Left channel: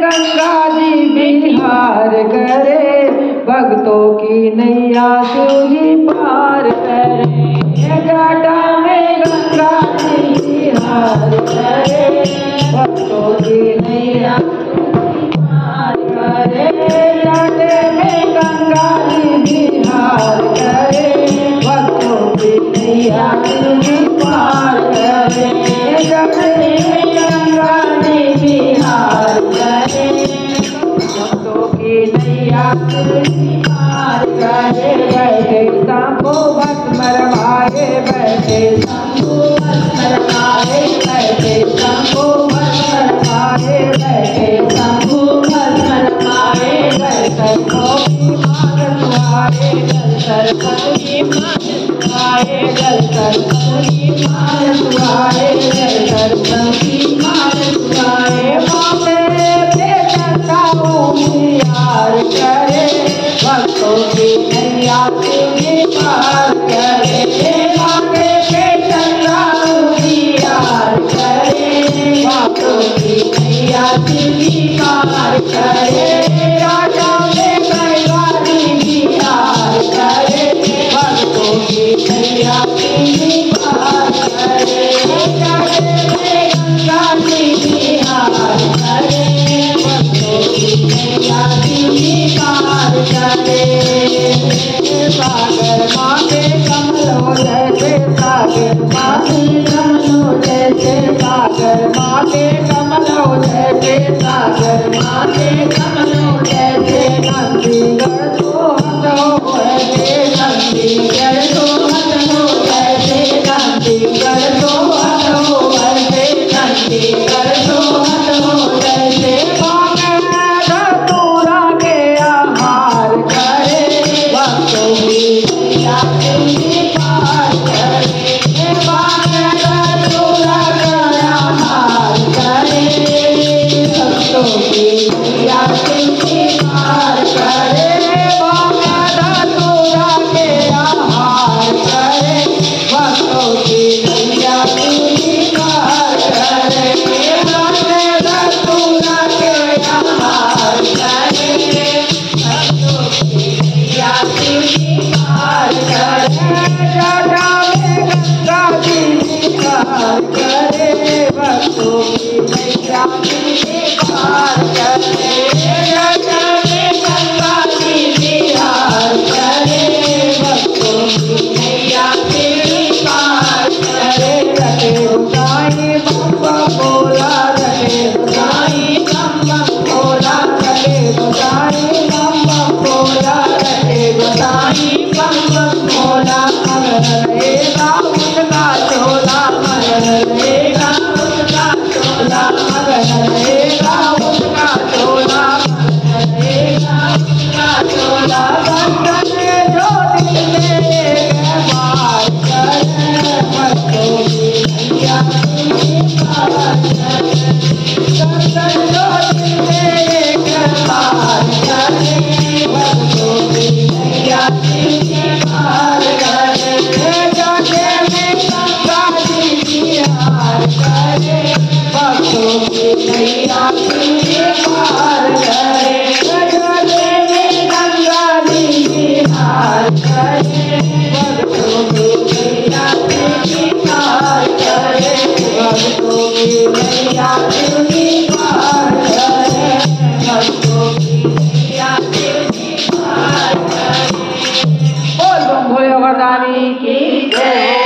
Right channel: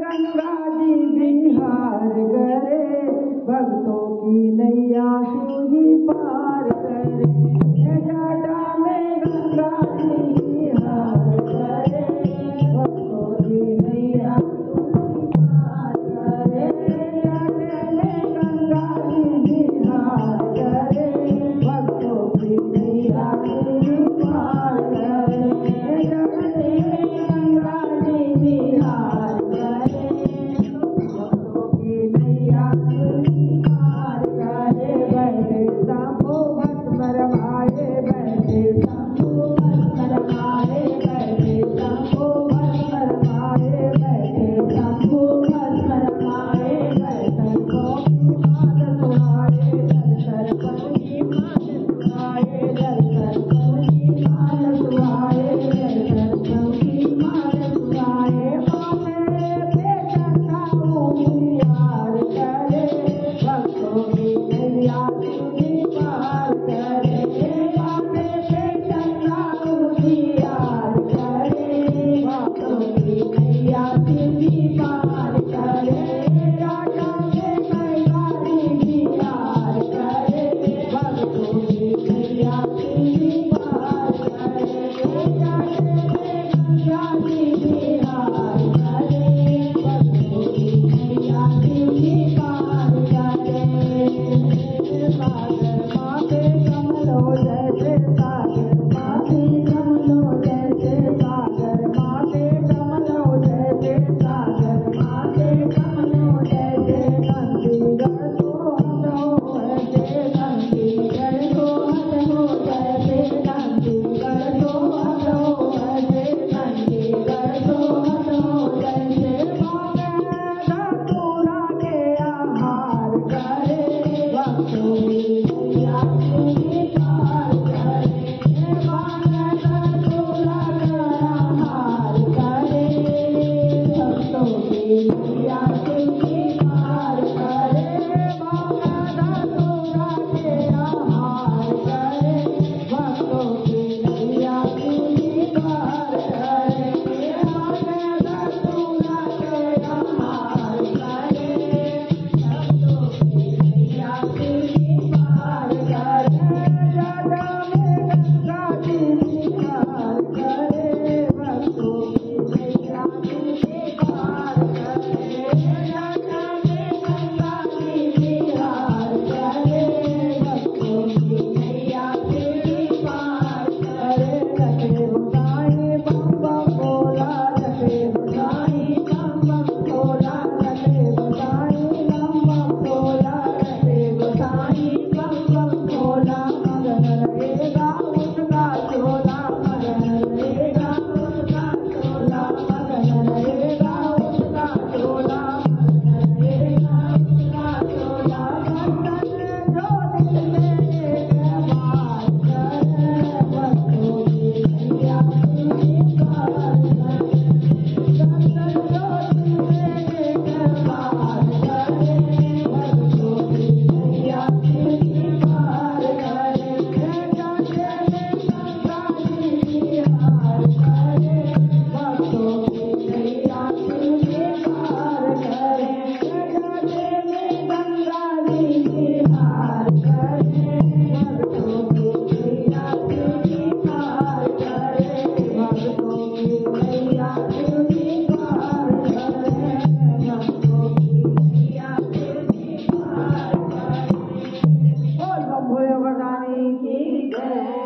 गंगा जी बिहार करे, भक्तों की नैया शिव जी पार करे। जटा में गंगा जी बिहार करे, भक्तों की नैया पार करे। जटे में गंगा जी बिहार करे, भक्तों की नैया शिव जी पार करे। जटे में गंगा जी बिहार करे, भक्तों की नैया शिव जी पार करे। बैठे शंभु भस्म रमाए, बैठे शंभु भस्म रमाए, बैठे शंभु भस्म रमाए, बैठे शंभु भस्म रमाए। जल सर्पों की मार सुहाए, जल सर्पों की मार सुहाए, जल सर्पों की मार सुहाए, जल सर्पों की मार सुहाए। मौके पे चंदा उजियार करे, भक्तों की नैया शिव जी पार करे। मौके पे चंदा उजियार करे, भक्तों की नैया शिव जी पार करे। राजा में गंगा जी बिहार करे, भक्तों की नैया शिव जी पार करे। जटे में गंगा जी बिहार करे, भक्तों की नैया शिव जी पार करे। सागर माथे कमलो जैसे, सागर माथे कमलो जैसे, सागर माथे कमलो जैसे, सागर माथे कमलो जैसे। नंदीगढ़ तो हट हो ऐसे, नंदीगढ़ तो हट हो ऐसे, नंदीगढ़ तो हट हो ऐसे, नंदीगढ़ तो हट हो जैसे। मांगे धतूरा के आहार करे, भक्तों की नैया शिव जी पार करे। मांगे धतूरा का आहार करे, भक्तों की नैया शिव जी पार करे। मांगे धतूरा के आहार करे, भक्तों की नैया शिव जी पार करे। मांगे धतूरा के आहार करे, भक्तों की नैया शिव जी पार करे। जटा में गंगा जी बिहार करे, भक्तों की नैया शिव जी पार करे। जटा में गंगा जी बिहार करे, भक्तों की नैया शिव जी पार करे। रटे गोसाई बम बम बोला, रटे गोसाई बम बम बोला, रटे गोसाई बम बम बोला, रटे गोसाई बम बम बोला। मगन रहेगा उसका चोला, मगन रहेगा उसका चोला, मगन रहेगा उसका चोला, मगन रहेगा उसका चोला। बंधन जो दिल में एक बार करे, भक्तों की नैया शिव जी पार करे। बंधन जो दिल में एक बार करे, भक्तों की नैया शिव जी पार करे। जटे में गंगा जी बिहार करे, भक्तों की नैया शिव जी पार करे। जटे में गंगा जी बिहार करे, भक्तों की नैया शिव जी पार करे, भक्तों की नैया शिव जी पार करे, भक्तों की नैया शिव जी पार करे। बोल बम भोले वरदानी की जय।